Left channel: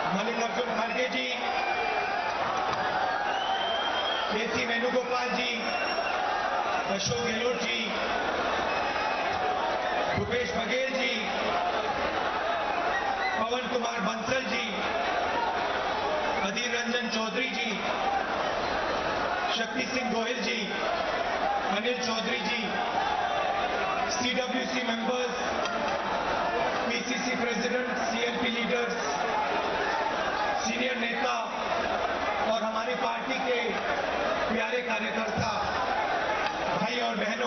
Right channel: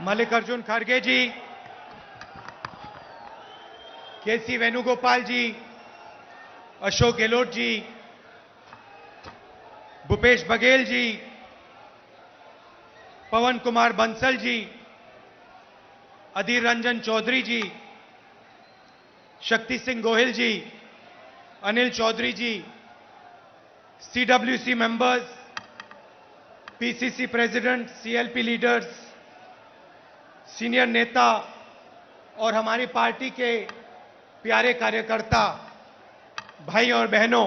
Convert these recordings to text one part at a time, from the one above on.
मल्लिकार्जुन खड़गे जी, केसी वेणुगोपाल जी, अशोक गहलोत जी, भूपेश बघेल जी, पवन Kumar Bansal ji, Adhir Ranjan Chaudhary ji, Shakti Singh Gohil ji, Anil Chaudhary ji, CWC members, PCC president, CLP leaders, senior नेता और हमारी पार्टी के प्यारे कार्यकर्ता भाई और बहनों,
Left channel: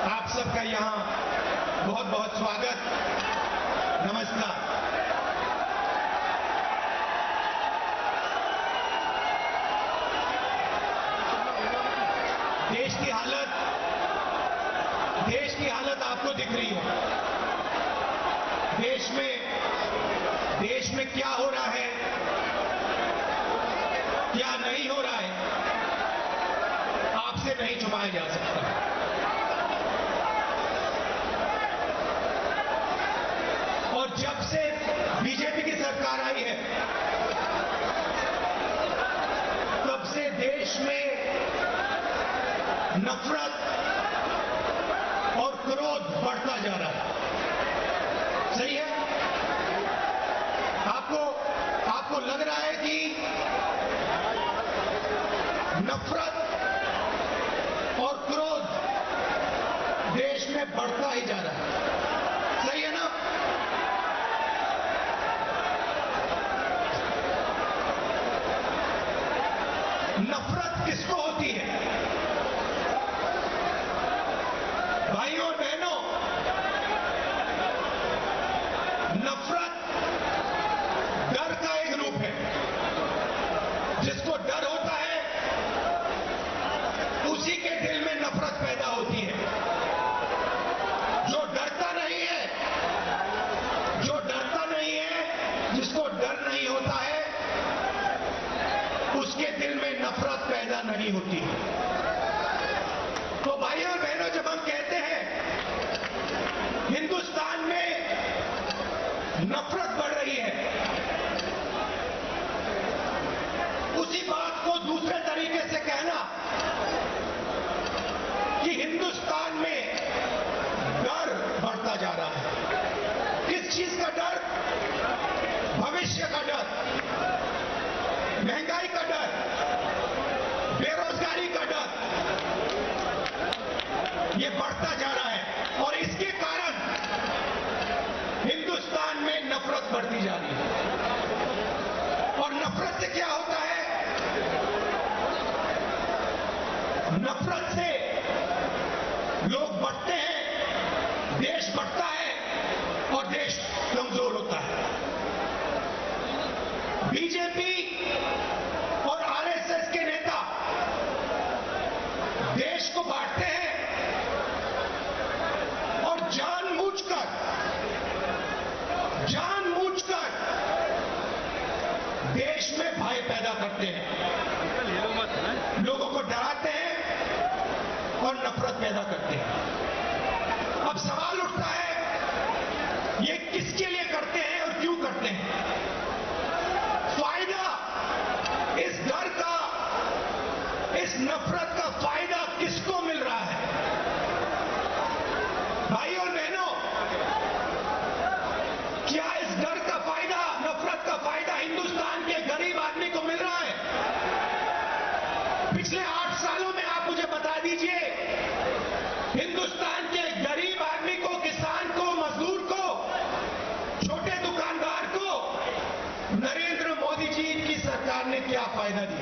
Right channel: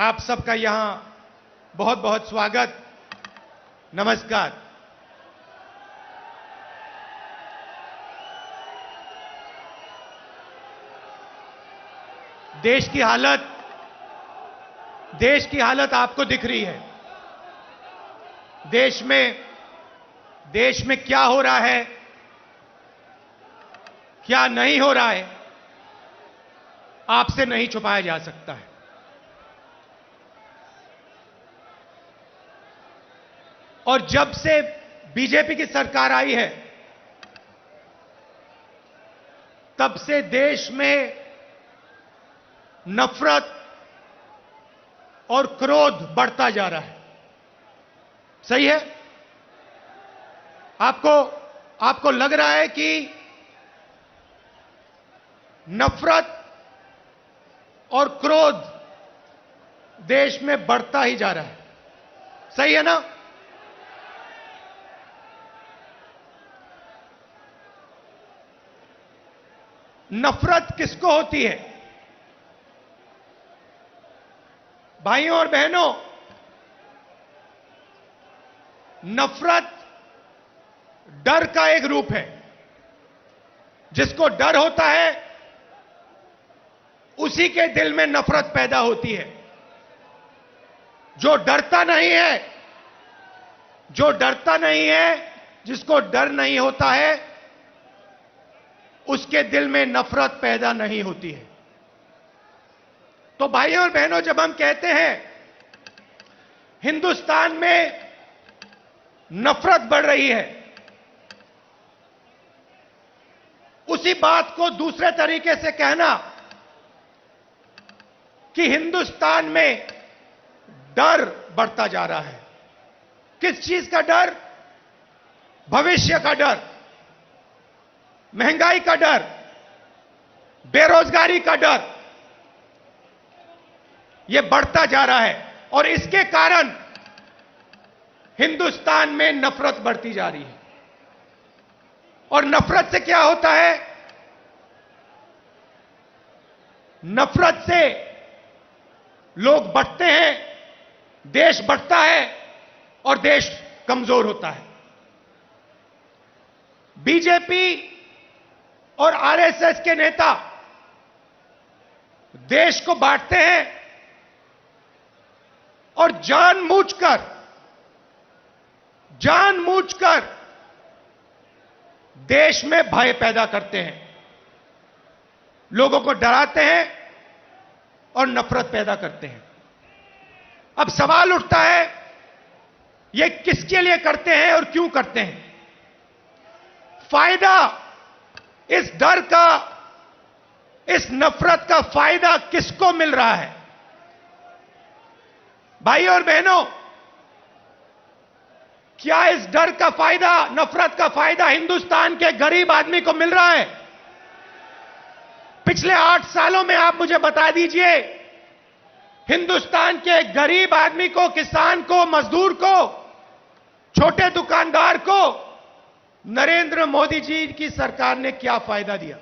आप सबका यहां बहुत बहुत स्वागत, नमस्कार। देश की हालत आपको दिख रही है। देश में क्या हो रहा है, क्या नहीं हो रहा है, आपसे नहीं छुपाया जा सकता। और जब से बीजेपी की सरकार आई है, तब से देश में नफरत और क्रोध बढ़ता जा रहा है। सही है? आपको लग रहा है कि नफरत और क्रोध देश में बढ़ता ही जा रहा है। सही है ना? नफरत किसको होती है? भाइयों और बहनों, नफरत डर का एक रूप है। जिसको डर होता है, उसी के दिल में नफरत पैदा होती है। जो डरता नहीं है, जिसको डर नहीं होता है, उसके दिल में नफरत पैदा नहीं होती है। तो भाइयों और बहनों, जब हम कहते हैं हिंदुस्तान में नफरत बढ़ रही है, उसी बात को दूसरे तरीके से कहना कि हिंदुस्तान में डर बढ़ता जा रहा है। किस चीज का डर? भविष्य का डर, महंगाई का डर, बेरोजगारी का डर, यह बढ़ता जा रहा है। और इसके कारण हिंदुस्तान में नफरत बढ़ती जा रही है। और नफरत से क्या होता है? नफरत से लोग बढ़ते हैं, देश बढ़ता है और देश कमजोर होता है। बीजेपी और आरएसएस के नेता देश को बांटते हैं और जानबूझकर देश में भय पैदा करते हैं, लोगों को डराते हैं और नफरत पैदा करते हैं। अब सवाल उठता है, ये किसके लिए करते हैं और क्यों करते हैं? फायदा इस डर का, इस नफरत का फायदा किसको मिल रहा है? भाई और बहनों, क्या इस डर का फायदा, नफरत का फायदा हिंदुस्तान के गरीब आदमी को मिल रहा है? पिछले 8 सालों में आप मुझे बता दीजिए, हिंदुस्तान के गरीब आदमी को, किसान को, मजदूर को, छोटे दुकानदार को नरेंद्र मोदी जी की सरकार ने क्या फायदा दिया?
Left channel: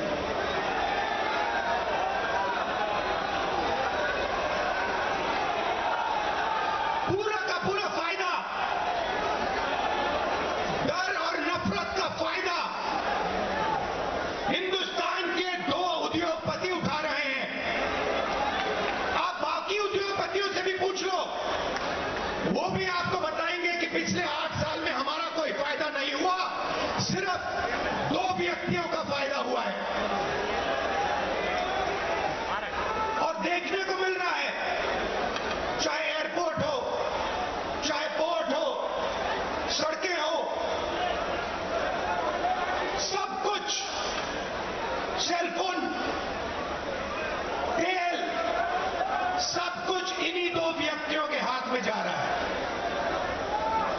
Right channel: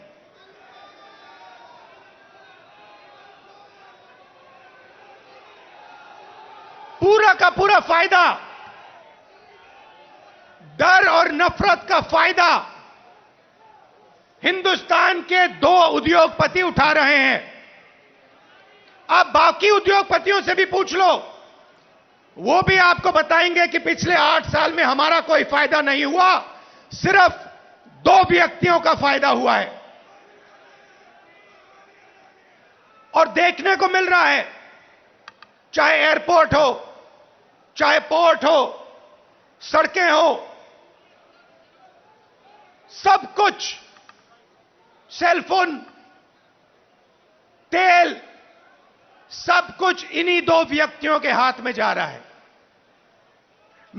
पूरा का पूरा फायदा, डर और नफरत का फायदा हिंदुस्तान के 2 उद्योगपति उठा रहे हैं। आप बाकी उद्योगपतियों से भी पूछ लो, वो भी आपको बताएंगे कि पिछले 8 साल में हमारा कोई फायदा नहीं हुआ, सिर्फ 2 व्यक्तियों का फायदा हुआ है। और देखने को मिल रहा है, चाहे एयरपोर्ट हो, चाहे पोर्ट हो, सड़कें हो, सब कुछ, सेलफोन, तेल, सब कुछ इन्हीं दो व्यक्तियों के हाथ में जा रहा है।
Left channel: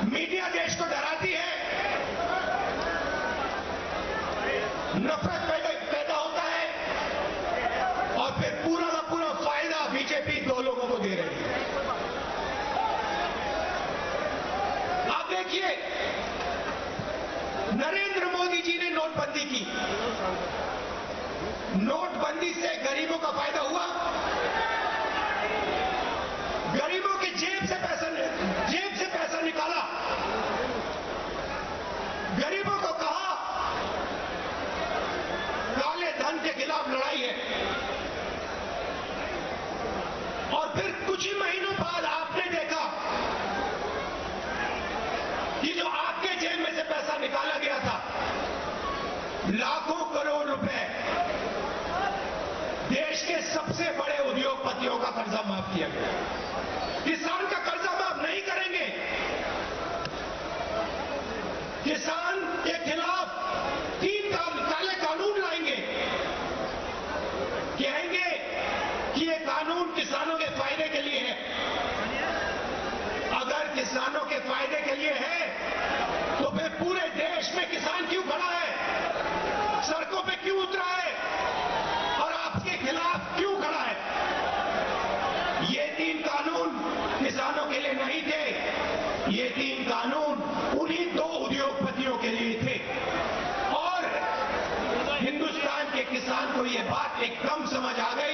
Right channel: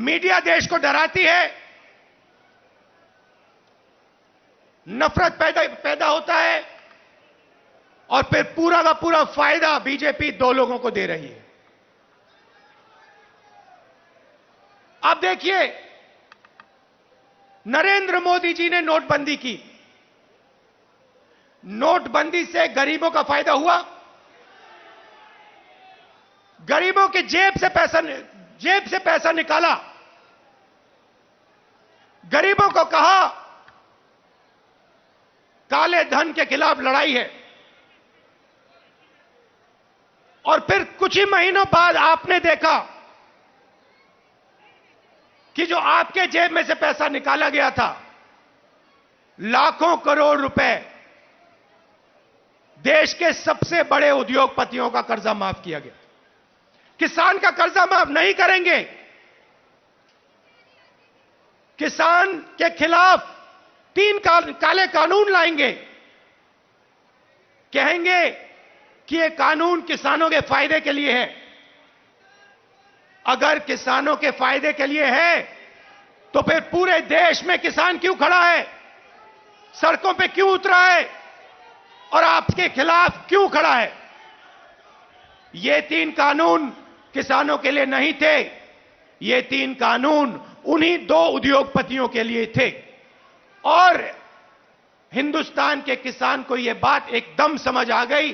मीडिया देश को डराती है, नफरत पैदा होता है, और फिर पूरा का पूरा फायदा बीजेपी दो लोगों को दे रही है। अब देखिए, नरेंद्र मोदी जी ने नोटबंदी की। नोटबंदी से गरीबों का फायदा हुआ? गरीबों की जेब से पैसा निकाला। गरीबों को कहा काले धन के खिलाफ लड़ाई है, और फिर कुछ ही महीनों बाद आपने देखा कि जो आपके जेब में से पैसा निकाला गया था, लाखों करोड़ रुपए देश के सबसे बड़े उद्योगपतियों का कर्जा माफ किया गया। किसान का कर्जा माफ नहीं करेंगे। किसान के खिलाफ 3 काले कानून लाएंगे। कहेंगे कि ये कानून किसानों के फायदे के लिए है। अगर किसानों के फायदे के लिए है तो फिर पूरे देश में किसान क्यों खड़ा है, सड़कों पे क्यों उतरा है और आपके खिलाफ क्यों खड़ा है? ये 3 कानून किसानों के लिए नहीं थे। ये 3 कानून उन्हीं 2 उद्योगपतियों के लिए थे। और हिंदुस्तान के किसान को यह बात एकदम समझ आ गई,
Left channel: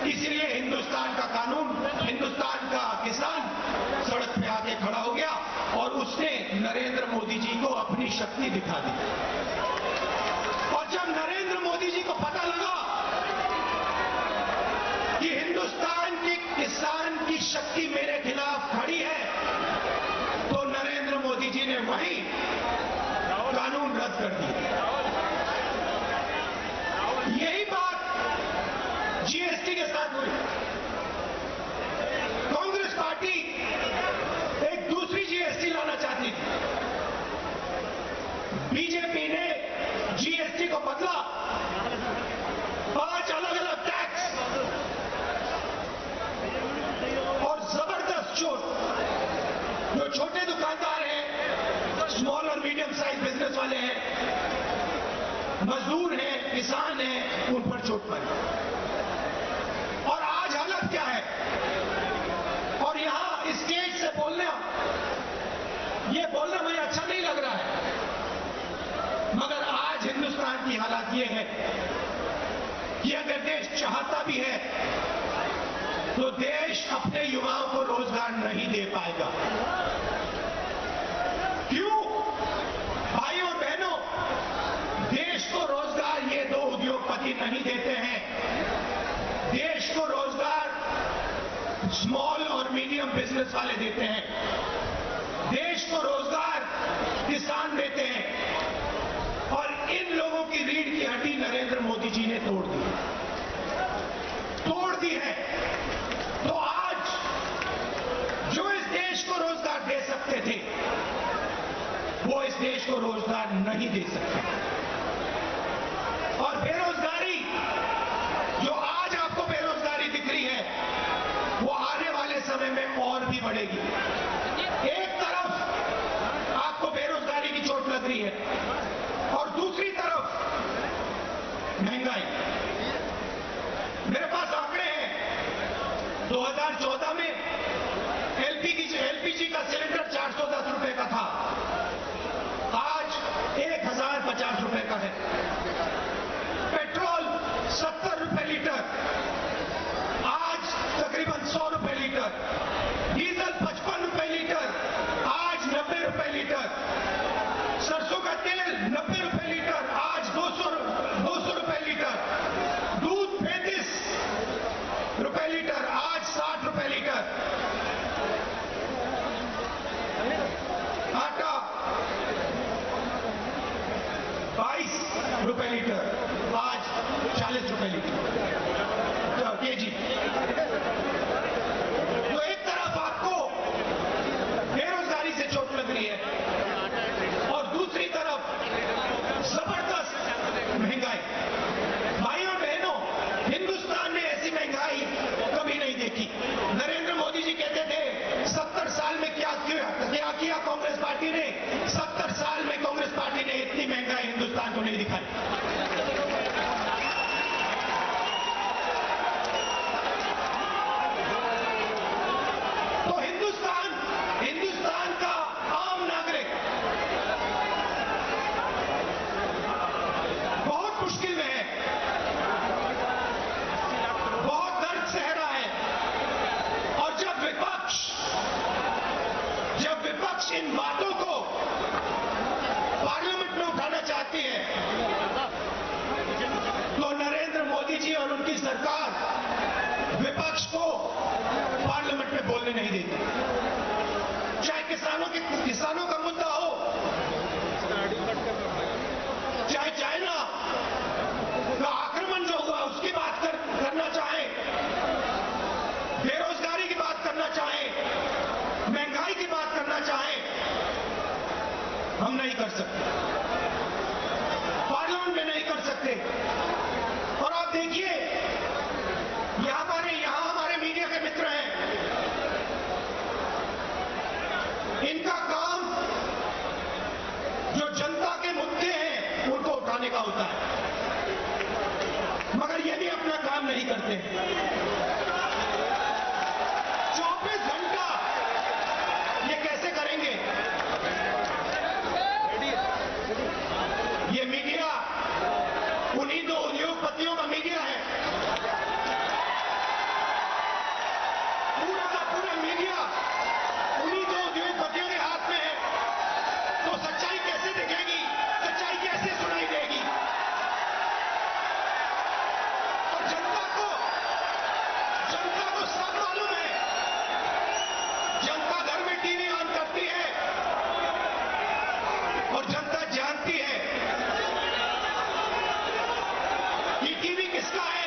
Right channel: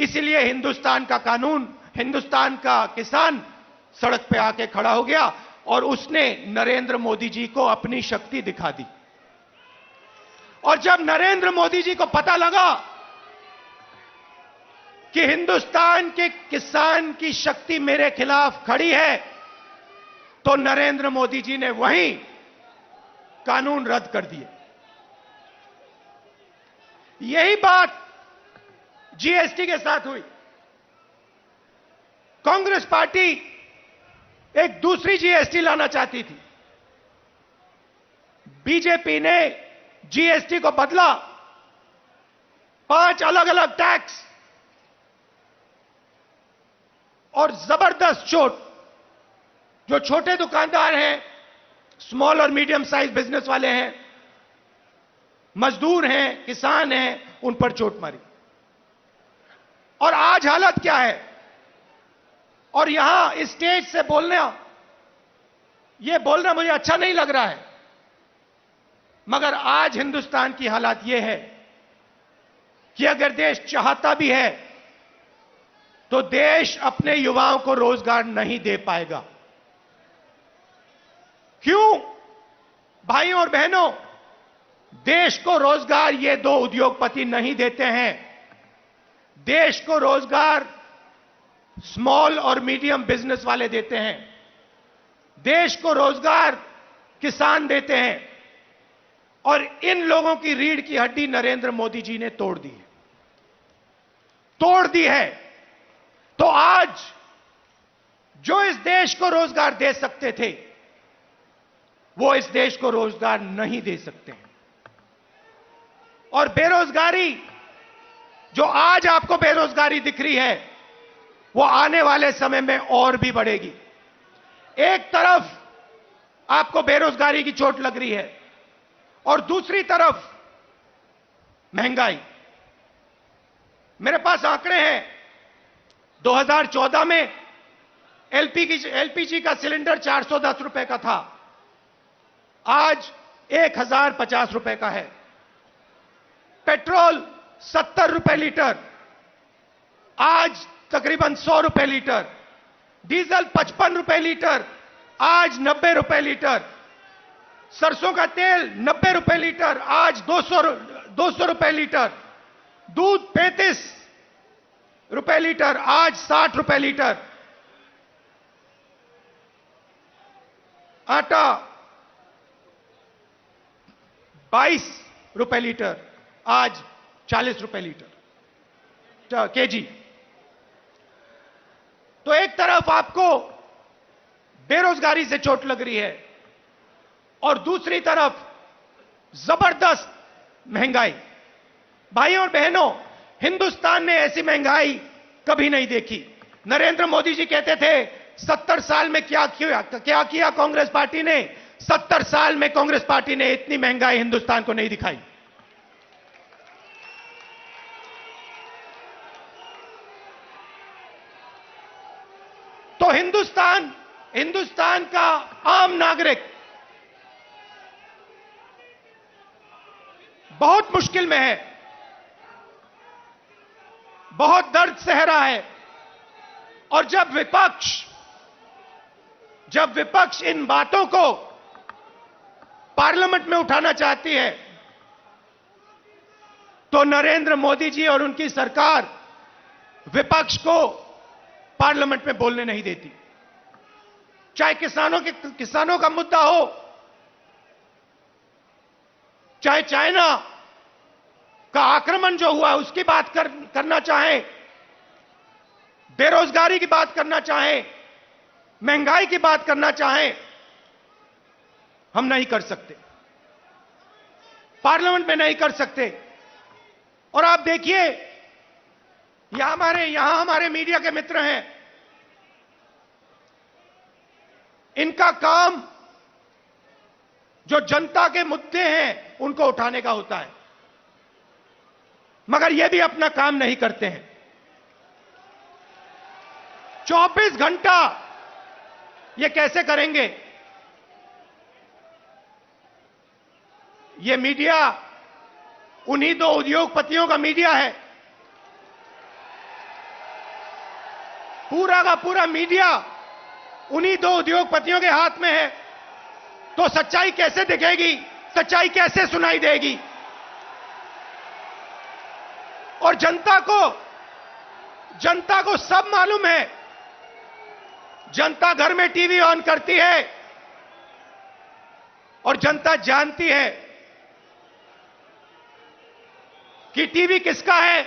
इसलिए हिंदुस्तान का कानून, हिंदुस्तान का किसान सड़क पे आके खड़ा हो गया और उसने नरेंद्र मोदी जी को अपनी शक्ति दिखा दी। और जब नरेंद्र मोदी जी को पता लगा कि हिंदुस्तान के किसान की शक्ति मेरे खिलाफ खड़ी है, तो नरेंद्र मोदी जी ने वहीं कानून रद्द कर दिए। यही बात जीएसटी के साथ हुई। कांग्रेस पार्टी एक दूसरी जीएसटी लाना चाहती थी। बीजेपी ने जीएसटी को बदला, 5 अलग अलग टैक्स और जबरदस्त चोट। जो छोटे दुकानदार हैं, स्मॉल और मीडियम साइज बिजनेस वाले हैं, मजदूर हैं, किसान हैं, उन पर चोट मारी। और आज हालत क्या है? और यहां इस स्टेज से बोलना मुझे अच्छा नहीं लग रहा है, मगर आज हिंदुस्तान की हालत यह है कि अगर देश चाहता भी है तो देश अपने युवाओं को रोजगार नहीं दे पाएगा। क्यों? भाइयों और बहनों, देश को रोजगार ये 2 उद्योगपति नहीं देते हैं। देश को रोजगार स्मॉल और मीडियम बिजनेस वाले देते हैं। देश को रोजगार किसान देते हैं। और इन लोगों की रीढ़ की हड्डी नरेंद्र मोदी जी ने तोड़ दी है। तो आज जो इस देश को रोजगार दे सकते थे, वो इस देश को रोजगार नहीं दे सकते। और बेरोजगारी, जो आज आपको बेरोजगारी दिख रही है, वो आने वाले समय में और भी बढ़ेगी। एक तरफ आपको बेरोजगारी की चोट लग रही है और दूसरी तरफ महंगाई। मेरे पास आंकड़े हैं। 2014 में एलपीजी का सिलेंडर 410 रुपए का था, आज 1050 रुपए का है। पेट्रोल 70 रुपए लीटर, आज तकरीबन 100 रुपए लीटर। डीजल 55 रुपए लीटर, आज 90 रुपए लीटर। सरसों का तेल 90 रुपए लीटर, आज 200 रुपए लीटर। दूध 35 रुपए लीटर, आज 60 रुपए लीटर। आटा 22 रुपए लीटर, आज 40 रुपए लीटर केजी। तो एक तरफ आपको बेरोजगारी से चोट लग रही है और दूसरी तरफ जबरदस्त महंगाई। भाइयों और बहनों, हिंदुस्तान ने ऐसी महंगाई कभी नहीं देखी। नरेंद्र मोदी जी कहते थे 70 साल में क्या किया कांग्रेस पार्टी ने। 70 साल में कांग्रेस पार्टी ने इतनी महंगाई हिंदुस्तान को नहीं दिखाई। तो हिंदुस्तान का आम नागरिक बहुत मुश्किल में है, बहुत दर्द सह रहा है। और जब विपक्ष इन बातों को पार्लियामेंट में उठाना चाहती है तो नरेंद्र मोदी जी और उनकी सरकार विपक्ष को पार्लियामेंट में बोलने नहीं देती। चाहे किसानों का मुद्दा हो, चाहे चाइना का आक्रमण जो हुआ उसकी बात करना चाहें, बेरोजगारी की बात करना चाहें, महंगाई की बात करना चाहें, हम नहीं कर सकते, पार्लियामेंट में नहीं कर सकते। और आप देखिए यहां हमारे मीडिया के मित्र हैं, इनका काम जो जनता के मुद्दे हैं उनको उठाने का होता है, मगर ये भी अपना काम नहीं करते हैं। 24 घंटा ये कैसे करेंगे? ये मीडिया उन्हीं दो उद्योगपतियों का मीडिया है। पूरा का पूरा मीडिया उन्हीं दो उद्योगपतियों के हाथ में है। तो सच्चाई कैसे दिखेगी? सच्चाई कैसे सुनाई देगी? और जनता को सब मालूम है। जनता घर में टीवी ऑन करती है और जनता जानती है कि टीवी किसका है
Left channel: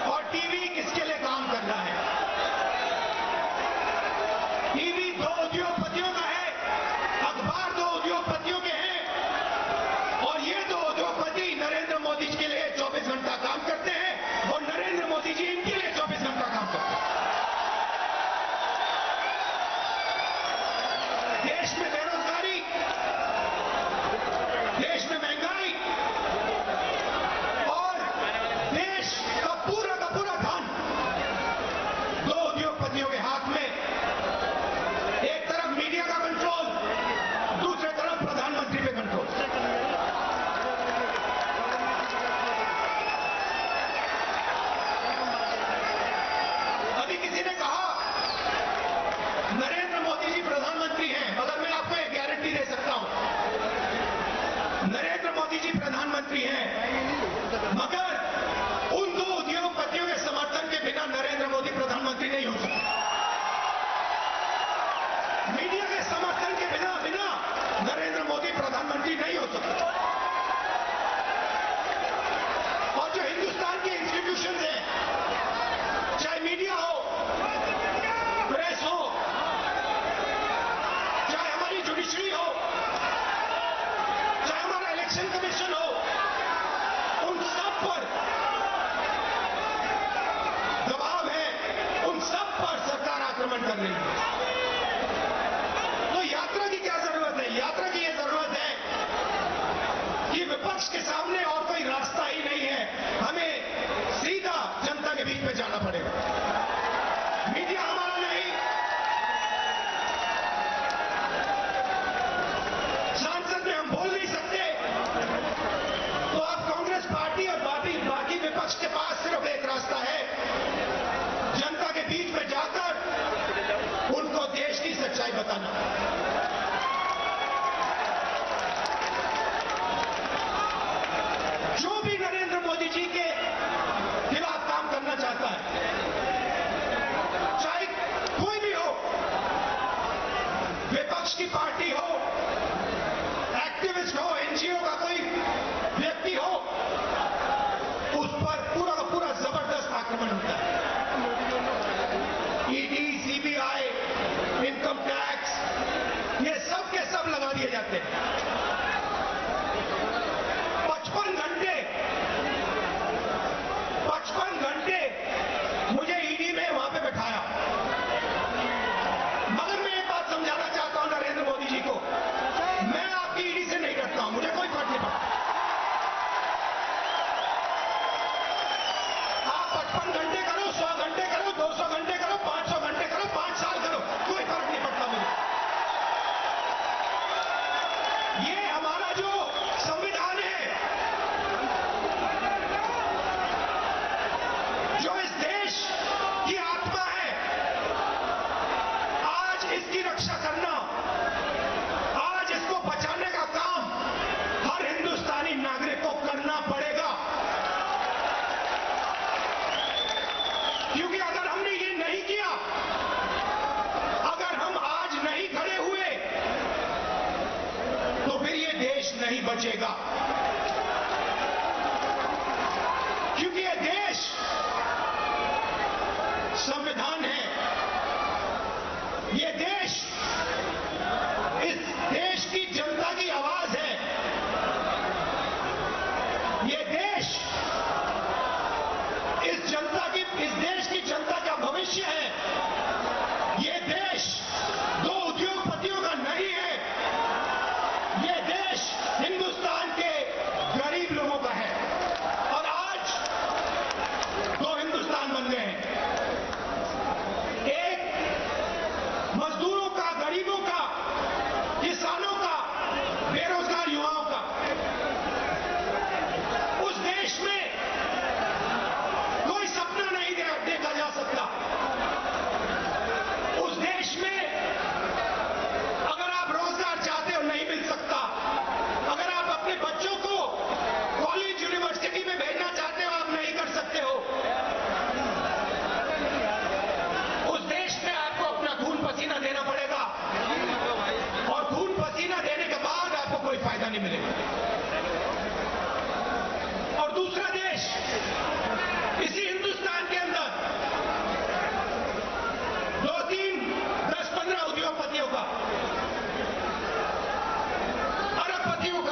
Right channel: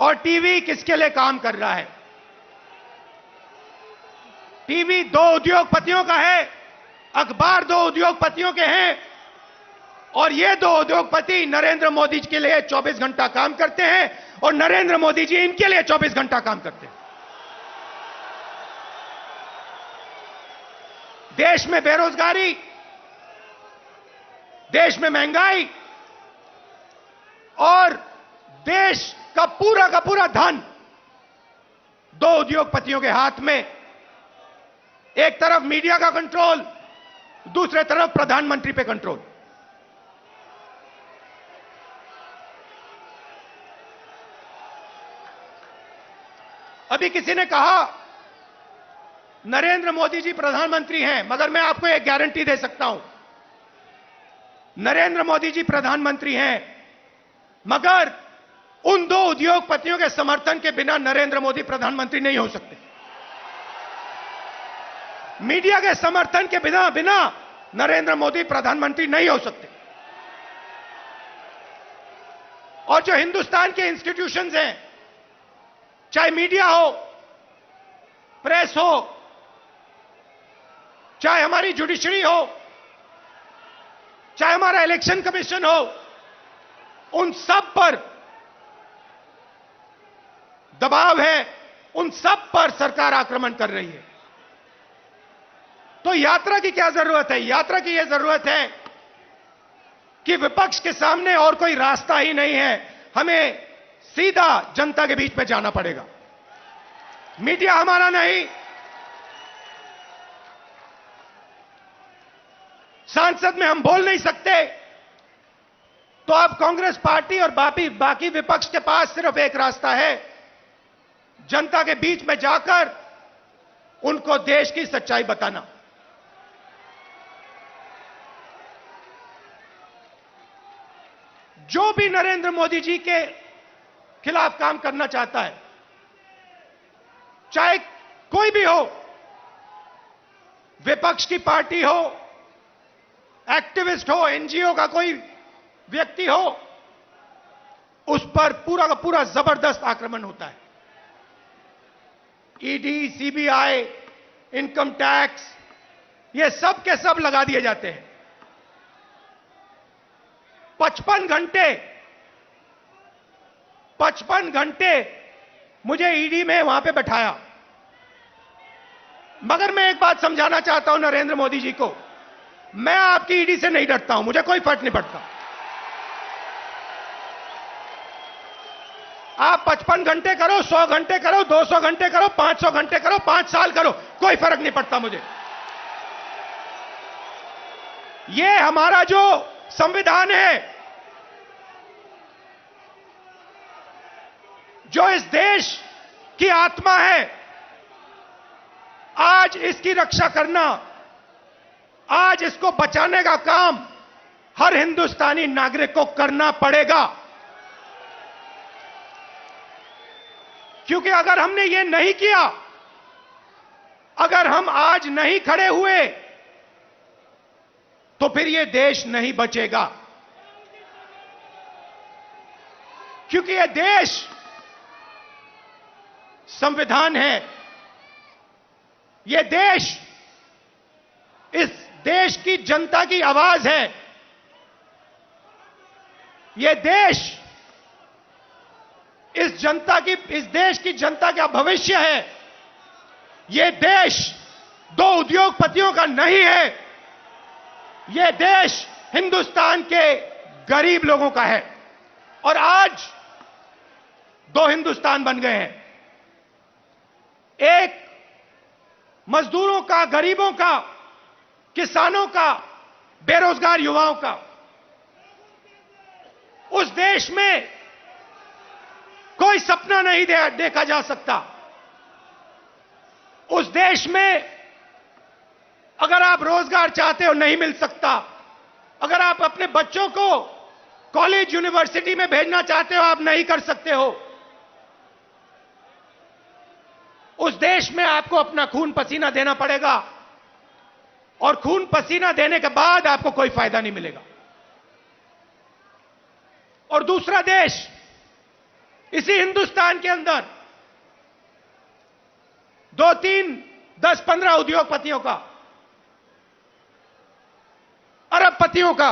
और टीवी किसके लिए काम कर रहा है। टीवी दो उद्योगपतियों का है, अखबार दो उद्योगपतियों के हैं, और ये दो उद्योगपति नरेंद्र मोदी जी के लिए 24 घंटा काम करते हैं और नरेंद्र मोदी जी इनके लिए 24 घंटा काम करते हैं। देश में बेरोजगारी, देश में महंगाई और देश का पूरा धन दो उद्योगपतियों के हाथ में। एक तरफ मीडिया का कंट्रोल, दूसरे तरफ प्रधानमंत्री पे कंट्रोल। अभी किसी ने कहा नरेंद्र मोदी जी प्रधानमंत्री हैं, मगर मैं आपको एक गारंटी दे सकता हूं, नरेंद्र मोदी जी प्रधानमंत्री हैं, मगर उन दो उद्योगपतियों के समर्थन के बिना नरेंद्र मोदी प्रधानमंत्री नहीं हो सकते। मीडिया के समर्थन के बिना नरेंद्र मोदी प्रधानमंत्री नहीं हो सकते। और जो हिंदुस्तान के इंस्टीट्यूशंस हैं, चाहे मीडिया हो, प्रेस हो, चाहे हमारी जुडिशरी हो, चाहे हमारा इलेक्शन कमीशन हो, उन सब पर दबाव है, उन सब पर सरकार आक्रमण कर रही है। तो यात्रा की क्या जरूरत है? यात्रा की यह जरूरत है कि विपक्ष के सामने और कोई रास्ता ही नहीं है, हमें सीधा जनता के बीच में जाना पड़ेगा। मीडिया हमारा नहीं, संसद में हम बोल नहीं सकते, तो अब कांग्रेस पार्टी और बाकी विपक्ष के पास सिर्फ एक रास्ता है, जनता के बीच में जाकर उनको देश की सच्चाई बताना। जो भी नरेंद्र मोदी जी के खिलाफ काम करना चाहता है, चाहे कोई भी हो, विपक्ष की पार्टी हो, एक्टिविस्ट हो, एनजीओ का कोई व्यक्ति हो, उस पर पूरा का पूरा जबरदस्त आक्रमण होता है। ईडी, सीबीआई, इनकम टैक्स, ये सब के सब लगा दिए जाते हैं। 55 घंटे मुझे ईडी में वहां पे बैठाया। मगर मैं एक बात समझाना चाहता हूं नरेंद्र मोदी जी को, मैं आपकी ईडी से नहीं डरता हूं, मुझे कोई फर्क नहीं पड़ता। आप 55 घंटे करो, 100 घंटे करो, 200 घंटे करो, 500 घंटे करो, 5 साल करो, कोई फर्क नहीं पड़ता मुझे। ये हमारा जो संविधान है, जो इस देश की आत्मा है, आज इसकी रक्षा करना, आज इसको बचाने का काम हर हिंदुस्तानी नागरिक को करना पड़ेगा। क्योंकि अगर हमने ये नहीं किया, अगर हम आज नहीं खड़े हुए, तो फिर ये देश नहीं बचेगा। क्योंकि ये देश संविधान है, ये देश इस देश की जनता की आवाज है, ये देश इस देश की जनता का भविष्य है। ये देश दो उद्योगपतियों का नहीं है, ये देश हिंदुस्तान के गरीब लोगों का है। और आज दो हिंदुस्तान बन गए हैं, एक मजदूरों का, गरीबों का, किसानों का, बेरोजगार युवाओं का। उस देश में कोई सपना नहीं देखा जा सकता। उस देश में अगर आप रोजगार चाहते हो नहीं मिल सकता, अगर आप अपने बच्चों को कॉलेज यूनिवर्सिटी में भेजना चाहते हो आप नहीं कर सकते हो। उस देश में आपको अपना खून पसीना देना पड़ेगा, और खून पसीना देने के बाद आपको कोई फायदा नहीं मिलेगा। और दूसरा देश, इसी हिंदुस्तान के अंदर 2, 3, 10, 15 उद्योगपतियों का, अरबपतियों का,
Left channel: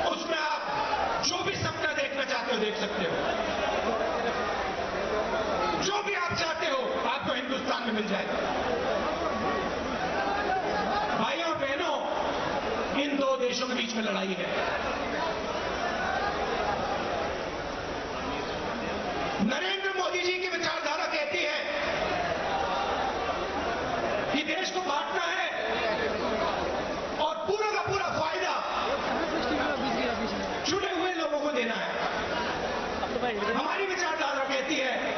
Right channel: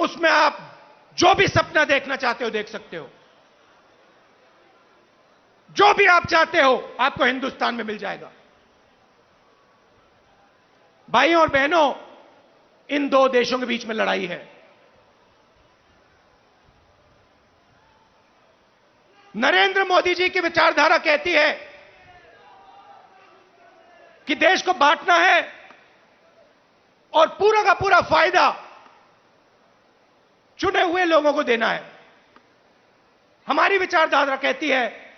उसमें आप जो भी सपना देखना चाहते हो देख सकते हो। जो भी आप चाहते हो आपको हिंदुस्तान में मिल जाएगा। भाइयों और बहनों, इन दो देशों के बीच में लड़ाई है। नरेंद्र मोदी जी की विचारधारा कहती है कि देश को बांटना है और पूरा का पूरा फायदा चुने हुए लोगों को देना है। हमारी विचारधारा कहती है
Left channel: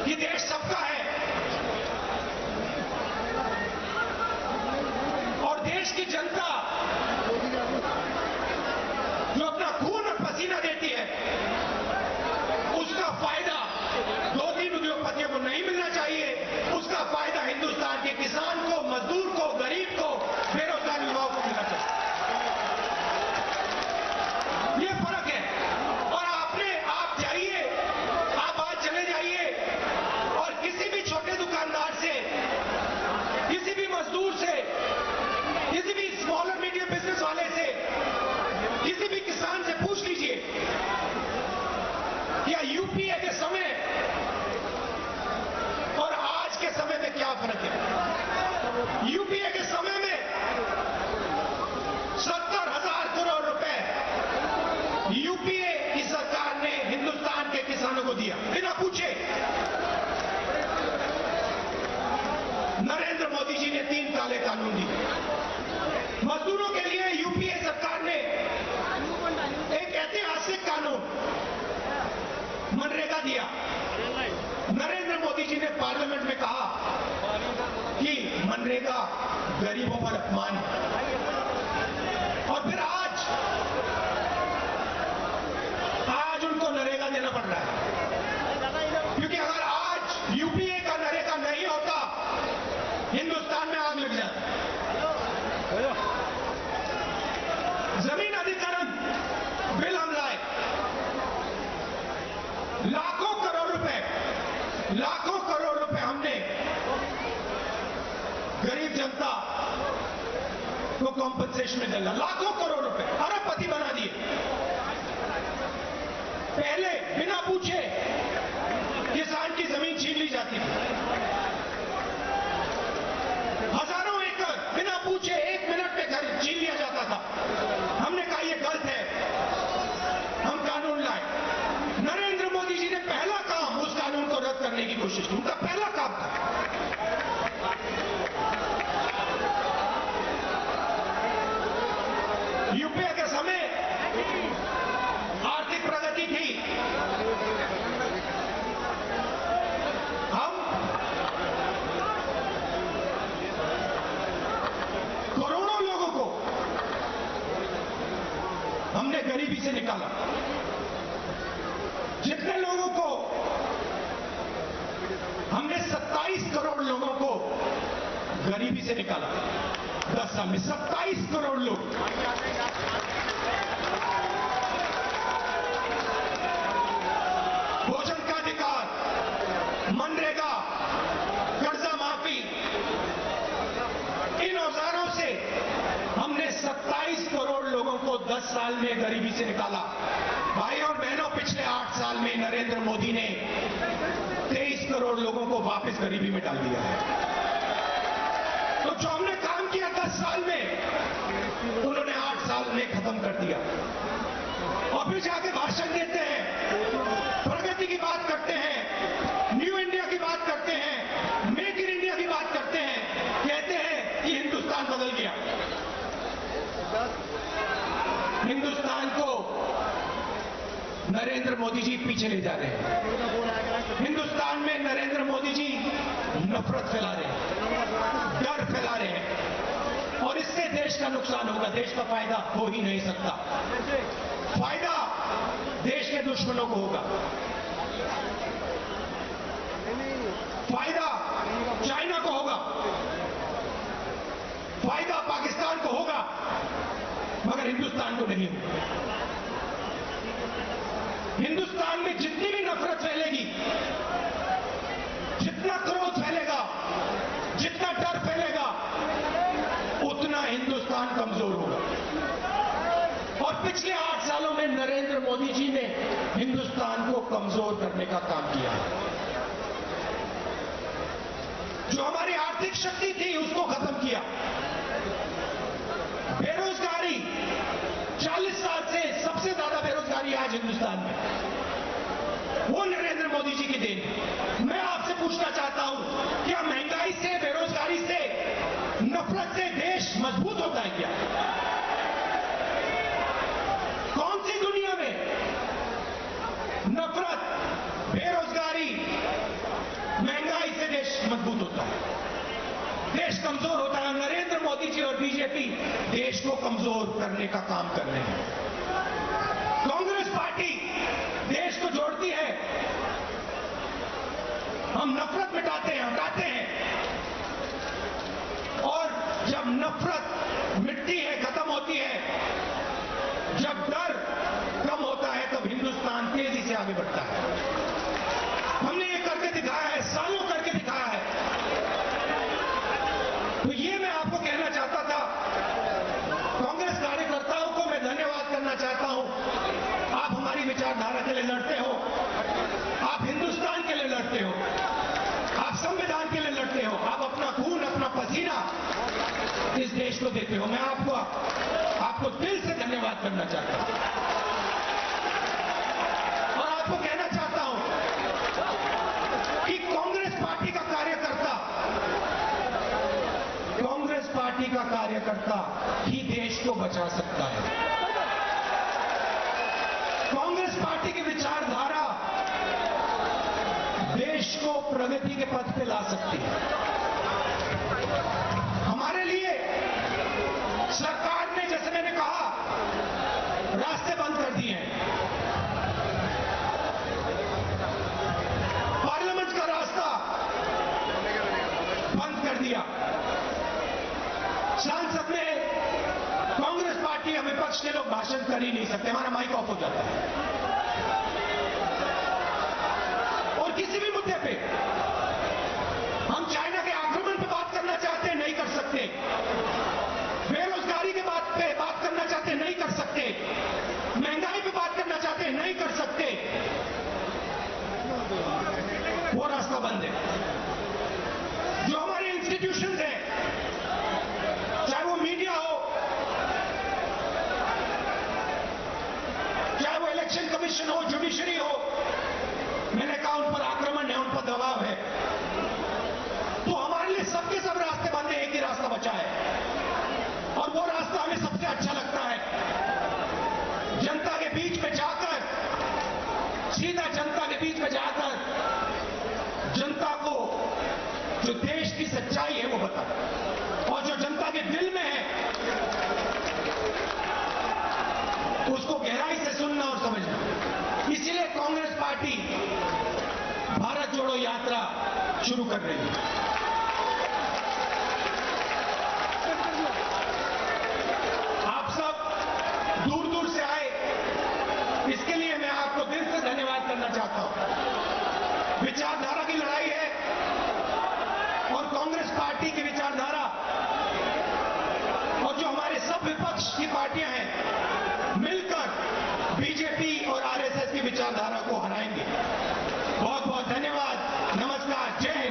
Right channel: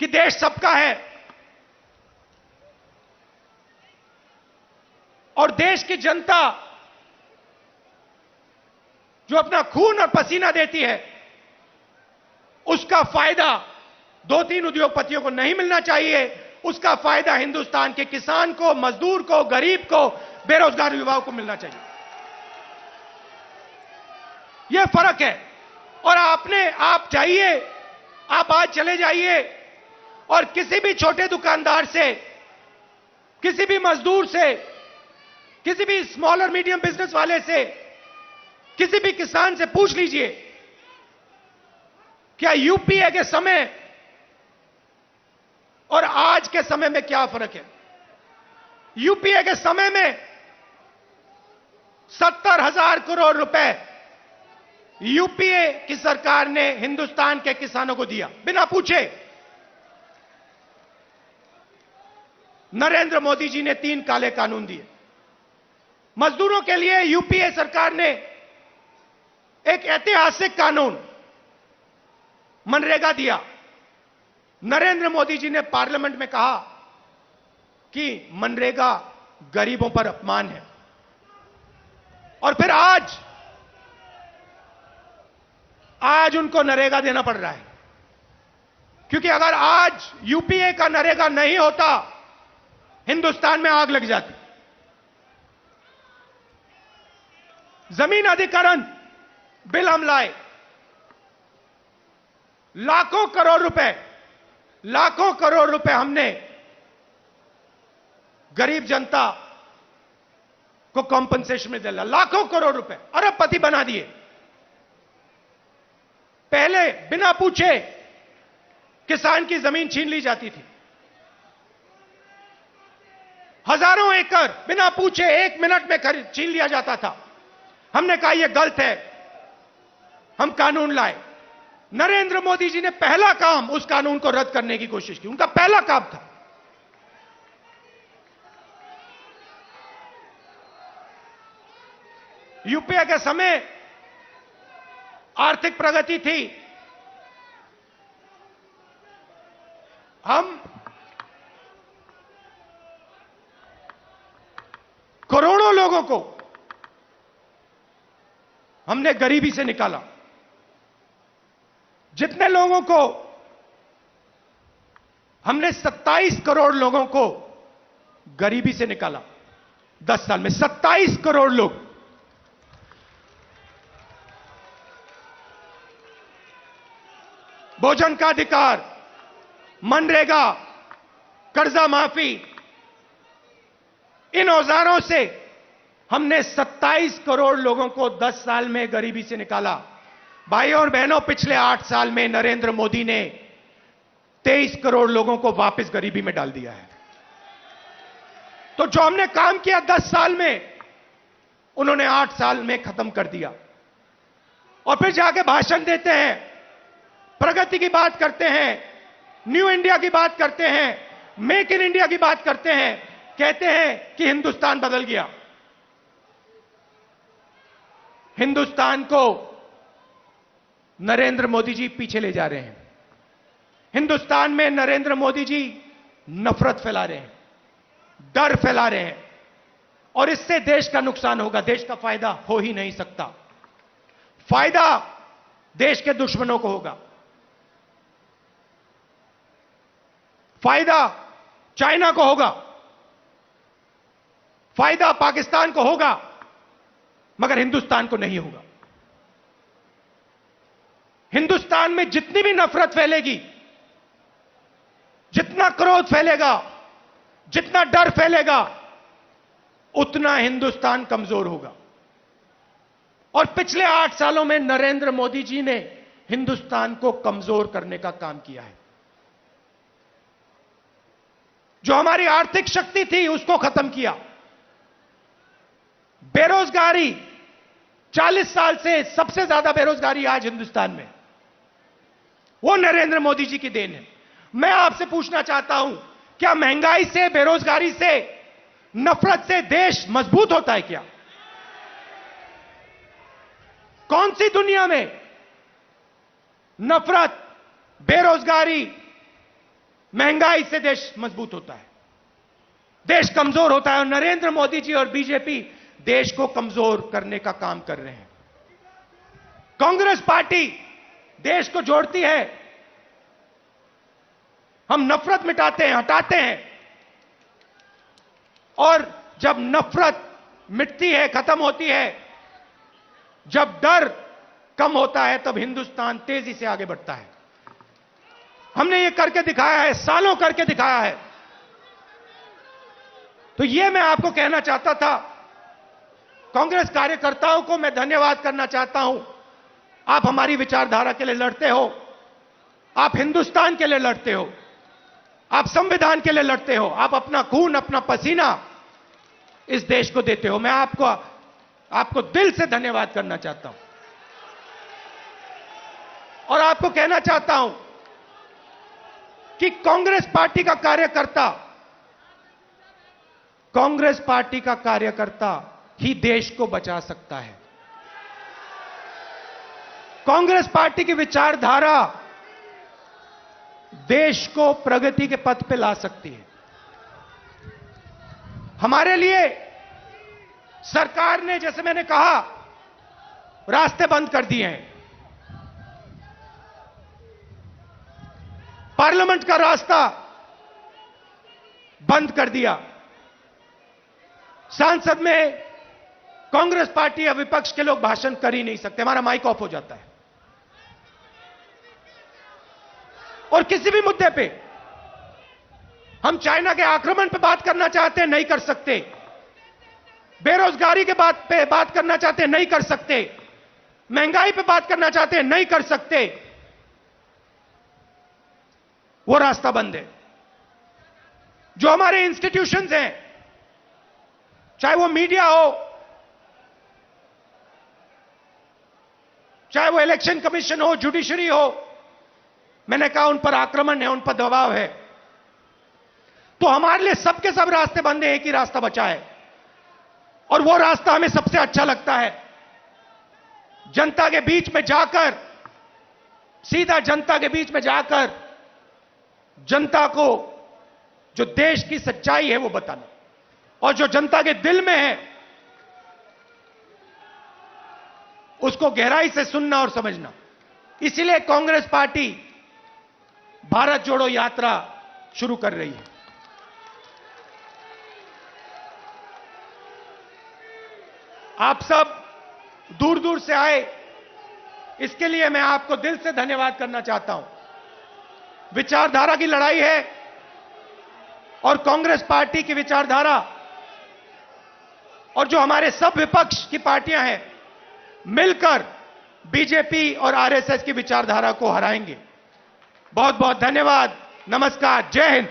कि देश सबका है और देश की जनता जो अपना खून और पसीना देती है, उसका फायदा 2-3 उद्योगपतियों को नहीं मिलना चाहिए। उसका फायदा हिंदुस्तान के किसान को, मजदूर को, गरीब को, बेरोजगार युवाओं को मिलना चाहिए। यह फर्क है। और आप चाहिए, आप आज चले जाइए और किसी भी छोटे दुकानदार से, किसी भी मजदूर से, किसी भी स्मॉल और मीडियम बिजनेस वाले से, किसी भी किसान से पूछ लीजिए, क्या यूपीए के समय और आज के समय में क्या फर्क है। यूपीए के समय में 70,000 करोड़ रुपए यूपीए की सरकार ने हिंदुस्तान के किसानों को दिया बिना पूछे। नरेंद्र मोदी जी ने 3 काले कानून दिए। मजदूरों के लिए यूपीए सरकार ने एक ऐतिहासिक कानून मनरेगा दिया। नरेंद्र मोदी जी ने पार्लियामेंट में कहा कि मनरेगा गरीबों पर अपमान है। और फिर आज उनको नरेगा देना पड़ रहा है, क्योंकि अगर आज यूपीए का नरेगा नहीं होता, हिंदुस्तान में आग लग जाती। जमीन अधिग्रहण बिल हम लाए, लाखों करोड़ रुपए हमने गरीब जनता, को कॉम्पनसेशन में देना, लाखों करोड़ रुपए, अरबपति बना दिए। पहले बिना पूछे किसान की जमीन छीन ली जाती थी, हजारों एकड़ बिना पूछे 1 मिनट में छीन लिया जाता था। हमने कहा यह गलत है, हम कानून लाए। नरेंद्र मोदी जी ने पहला काम उस कानून को रद्द करने की कोशिश की, उनका पहला काम था। यूपीए के समय आर्थिक प्रगति थी, हम करोड़ों लोगों को हमने गरीबी से निकाला। जितने लोगों को हमने 27 करोड़ लोगों को गरीबी से निकाला 10 साल में, 27 करोड़ लोग। भोजन का अधिकार, मनरेगा, कर्जा माफी, इन औजारों से हमने 27 करोड़ लोगों को 10 साल में गरीबी से निकाला। भाइयों और बहनों, पिछले 8 साल में नरेंद्र मोदी ने 23 करोड़ लोगों को वापस गरीबी में डाल दिया। तो जो हमने काम किया 10 साल में, उन्होंने 8 साल में खत्म कर दिया। और फिर जाके भाषण देते हैं, प्रगति की बात करते हैं, न्यू इंडिया की बात करते हैं, मेक इन इंडिया की बात करते हैं, कहते हैं कि हिंदुस्तान बदल गया। हिंदुस्तान को नरेंद्र मोदी जी पीछे ले जा रहे हैं। हिंदुस्तान में नरेंद्र मोदी जी नफरत फैला रहे हैं, डर फैला रहे हैं, और इससे देश का नुकसान होगा, देश का फायदा हो ही नहीं सकता। फायदा देश के दुश्मनों को होगा, फायदा चाइना को होगा, फायदा पाकिस्तान को होगा, मगर हिंदुस्तान को नहीं होगा। हिंदुस्तान में जितनी भी नफरत फैलेगी, जितना क्रोध फैलेगा, जितना डर फैलेगा, उतना हिंदुस्तान कमजोर होगा। और पिछले 8 सालों में नरेंद्र मोदी जी ने हिंदुस्तान को कमजोर करने का काम किया। जो हमारी आर्थिक शक्ति थी उसको खत्म किया। बेरोजगारी, 40 साल से सबसे ज्यादा बेरोजगारी आज हिंदुस्तान में, वो नरेंद्र मोदी जी की देन है। मैं आपसे पूछना चाहता हूं, क्या महंगाई से, बेरोजगारी से, नफरत से देश मजबूत होता है क्या? कौन सी दुनिया में नफरत, बेरोजगारी, महंगाई से देश मजबूत होता है? देश कमजोर होता है। और नरेंद्र मोदी जी और बीजेपी देश को कमजोर करने का काम कर रहे हैं। कांग्रेस पार्टी देश को जोड़ती है, हम नफरत मिटाते हैं, हटाते हैं, और जब नफरत मिटती है, खत्म होती है, जब डर कम होता है, तब हिंदुस्तान तेजी से आगे बढ़ता है। हमने ये करके दिखाया है, सालों करके दिखाया है। तो ये मैं आपको कहना चाहता था। कांग्रेस कार्यकर्ताओं को मैं धन्यवाद करना चाहता हूं। आप हमारी विचारधारा के लिए लड़ते हो, आप हिंदुस्तान के लिए लड़ते हो, आप संविधान के लिए लड़ते हो, आप अपना खून, अपना पसीना इस देश को देते हो। मैं आपको दिल से धन्यवाद करना चाहता हूं और आपको कहना चाहता हूं कि कांग्रेस कार्यकर्ता ही देश को बचा सकता है। कांग्रेस पार्टी की विचारधारा देश को प्रगति के पथ पे ला सकती है। हमारे लिए सरकार ने, जैसे मैंने कहा, रास्ते बंद कर दिए हैं। पार्लियामेंट का रास्ता बंद कर दिया। संसद में कांग्रेस पार्टी या विपक्ष के लोग भाषण कर ही नहीं सकते, हमारा माइक ऑफ हो जाता है। और किसी भी मुद्दे पे हम चाइना के आक्रमण पे बात करना चाहते हैं, नहीं कर सकते। बेरोजगारी के पे बात करना चाहते हैं, नहीं कर सकते। महंगाई पे बात करना चाहते हैं, नहीं कर सकते। वो रास्ता बंद है। जो हमारे इंस्टीट्यूशंस हैं, चाहे वो मीडिया हो, चाहे वो इलेक्शन कमीशन हो, जुडिशरी हो, मैंने कहा उन पर आक्रमण है, उन पर दबाव है। तो हमारे लिए सबके सब रास्ते बंद है, एक ही रास्ता बचा है और वो रास्ता हमें सबसे अच्छा लगता है। जनता के बीच में जाकर, सीधा जनता के बीच में जाकर जनता को जो देश की सच्चाई है वो बताना और जो जनता के दिल में है उसको गहराई से सुनना और समझना। इसीलिए कांग्रेस पार्टी भारत जोड़ो यात्रा शुरू कर रही है। आप सब दूर दूर से आए, इसके लिए मैं आपको दिल से धन्यवाद करना चाहता हूं। विचारधारा की लड़ाई है और कांग्रेस पार्टी की विचारधारा और जो हमारे सब विपक्ष की पार्टियां हैं मिलकर बीजेपी और आरएसएस की विचारधारा को हराएंगी। बहुत बहुत धन्यवाद। नमस्कार। जय हिंद।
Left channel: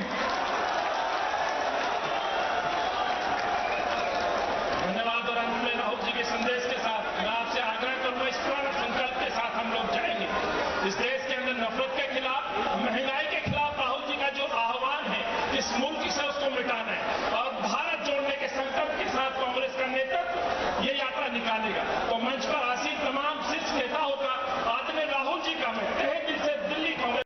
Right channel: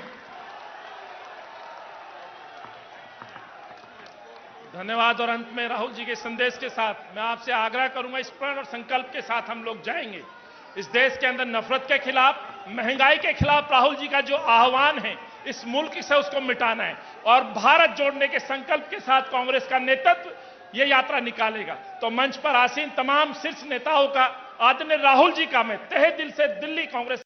धन्यवाद। और अंत में राहुल जी के संदेश के साथ मैं आपसे आग्रह करूंगा, इस संकल्प के साथ हम लोग जाएंगे। इस देश के अंदर नफरत के खिलाफ, महंगाई के खिलाफ राहुल जी का जो आह्वान है, इस मुल्क से उसको मिटाना है और भारत जोड़ने के संकल्प के साथ कांग्रेस का नेतृत्व ये यात्रा निकालेगा। तो मंच पर आसीन तमाम शीर्ष नेताओं का, आदरणीय राहुल जी का मैं तहे दिल से दिल्ली कांग्रेस